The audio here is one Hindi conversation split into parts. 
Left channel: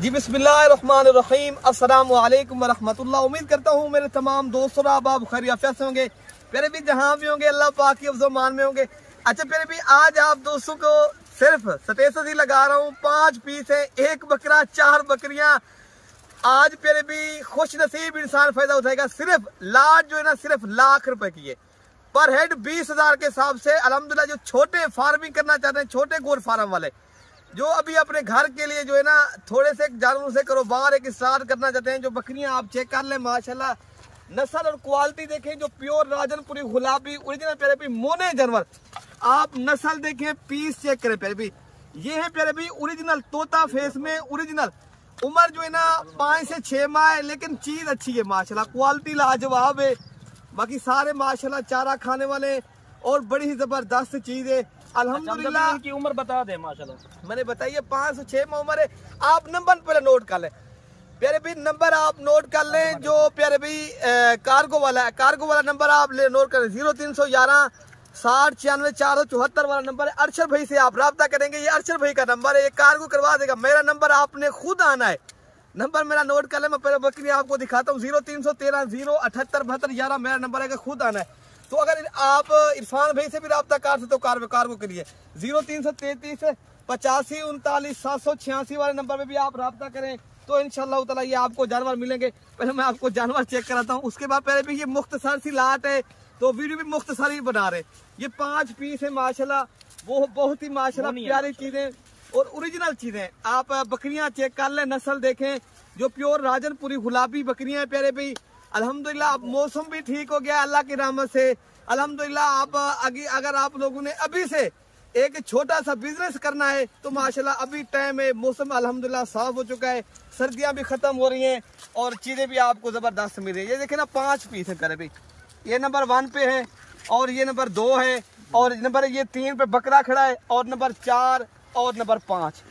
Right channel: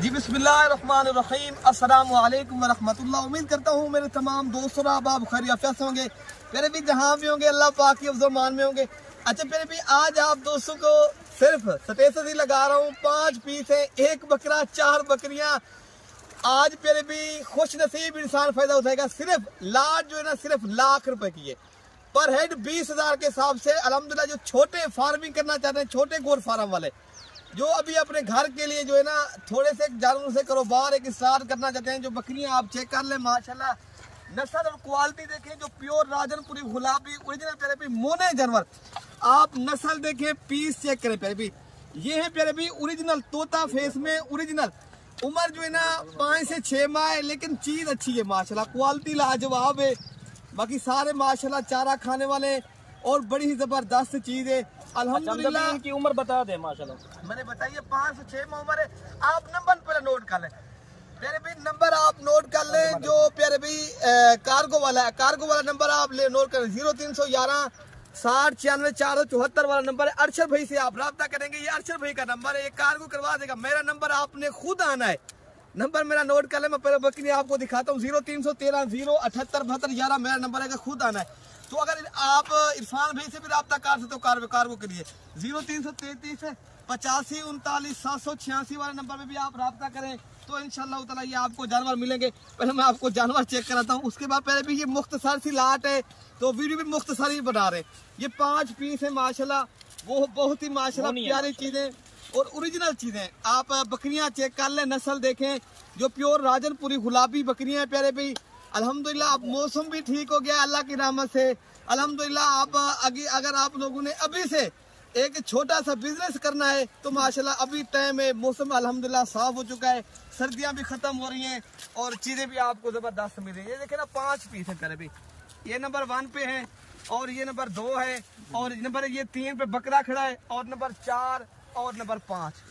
जी बिस्मिल्लाहिर्रहमानिर्रहीम, अस्सलामु अलैकुम वरहमतुल्लाह। उम्मीद करता हूँ मेरे तमाम दोस्तों आप खैरियत से होंगे, प्यारे भी जहाँ भी होंगे अल्लाह पाक की मान में होंगे। अच्छा प्यारे भी, आज आप दोस्तों को सिर्फ स्टेटस ही लगा रहा हूँ। 5 पीस है, 1 बकरा 4 बकरियां। आज प्यारे भी खुश नसीब इंसान फायदा उठाएगा। सिर्फ लाट जो है ना, सिर्फ लाख रुपए की है पर हेड 20,000 के हिसाब से। अल्हम्दुलिल्लाह जो छोटे फार्मिंग करना चाहते हैं, छोटे गोट फार्म वाले जो अभी अपने घर के लिए जो है ना थोड़े से जानवरों से कारोबार एक स्टार्ट करना चाहते हैं, जो बकरियां आप चेक कर लें माशाल्लाह, नस्ल और क्वालिटी देखें। जो प्योर राजनपुरी गुलाबी ओरिजिनल प्यारे भी मोने जानवर, आप नस्ल देखें, पीस चेक करें प्यारे भी। ये है प्यारे भी ओरिजिनल तोता फेस में ओरिजिनल। उम्र जो है ना 5 से 6 माह है, लेकिन चीज अच्छी है माशाल्लाह, क्वालिटी लाजवाब है। बाकी सारे माशाल्लाह चारा खाने वाले और बड़ी ही जबरदस्त चीज है अल्हम्दुलिल्लाह। की उम्र बता दे माशाल्लाह, मैंने बताइए 5 से 6 माह उम्र है। आप नंबर पहले नोट कर लें प्यारे भी, नंबर आप नोट कर लें जो प्यारे भी कार्गो वाला है। कार्गो वाला नंबर आप ले नोट करें, 0311 60 96 474 वाला नंबर है। अरशद भाई से आप रब्ता करेंगे, ये अरशद भाई का नंबर है, ये कार्गो करवा देगा। मेरा नंबर आपने खुद आना है, नंबर मेरा नोट कर ले। मैं पहले बकरी आपको दिखाता हूँ, 0313 078 72 11 मेरा नंबर है, खुद आना है। तो अगर आप इरफान भाई से भी रब्ता कर सकते तो कार्गो करिए, 0333 85 39 786 वाले नंबर पे भी आप रब्ता करें तो इंशाल्लाह ताला ये आपको जानवर मिलेंगे। पहले मैं आपको जानवर चेक कराता हूँ, उसके बाद पहले भी ये मुख्तसर सी लाट है तो वीडियो भी मुख्तसर ही बना रहे। ये 5 पीस है माशाल्लाह, वो बहुत ही माशाल्लाह प्यारी चीजें और ओरिजिनल चीजें। आप बकरियां चेक कर लें, नस्ल देखें, जो प्योर राजनपुरी गुलाबी बकरियां हैं प्यारे भाई। अल्हम्दुलिल्लाह अब मौसम भी ठीक हो गया अल्लाह की रहमत से। अल्हम्दुलिल्लाह आप अगर आप लोगों ने अभी से एक छोटा सा बिजनेस करना है तो माशाल्लाह अभी टाइम है, मौसम अल्हम्दुलिल्लाह साफ हो चुका है, सर्दियां भी खत्म हो रही हैं और चीजें भी आपको जबरदस्त मिल रही है। ये देखे ना 5 पीस है प्यारे भाई, ये नंबर 1 पे है और ये नंबर 2 है और नंबर ये 3 पे बकरा खड़ा है और नंबर 4 और नंबर 5।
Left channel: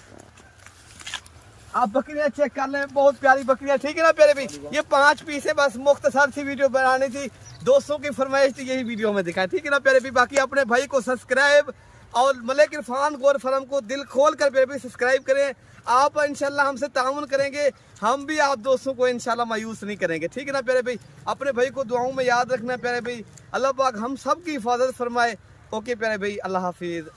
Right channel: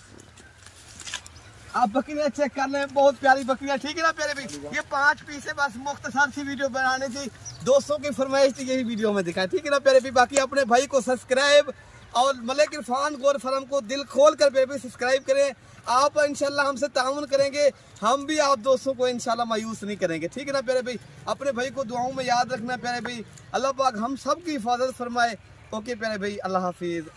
आप बकरियां चेक कर लें, बहुत प्यारी बकरियां, ठीक है ना प्यारे भाई। ये 5 पीस है, बस मुख्तसर सी वीडियो बनानी थी, दोस्तों की फरमाइश थी, यही वीडियो में दिखाया, ठीक है ना प्यारे भाई। बाकी अपने भाई को सब्सक्राइब और मलिक इरफान गोट फार्म को दिल खोल कर प्यारे भाई सब्सक्राइब करें। आप इंशाल्लाह हमसे ताउन करेंगे, हम भी आप दोस्तों को इंशाल्लाह मायूस नहीं करेंगे, ठीक है ना प्यारे भाई। अपने भाई को दुआओं में याद रखना प्यारे भाई। अल्लाह पाक हम सब की हिफाजत फरमाए। ओके प्यारे भाई, अल्लाह हाफिज।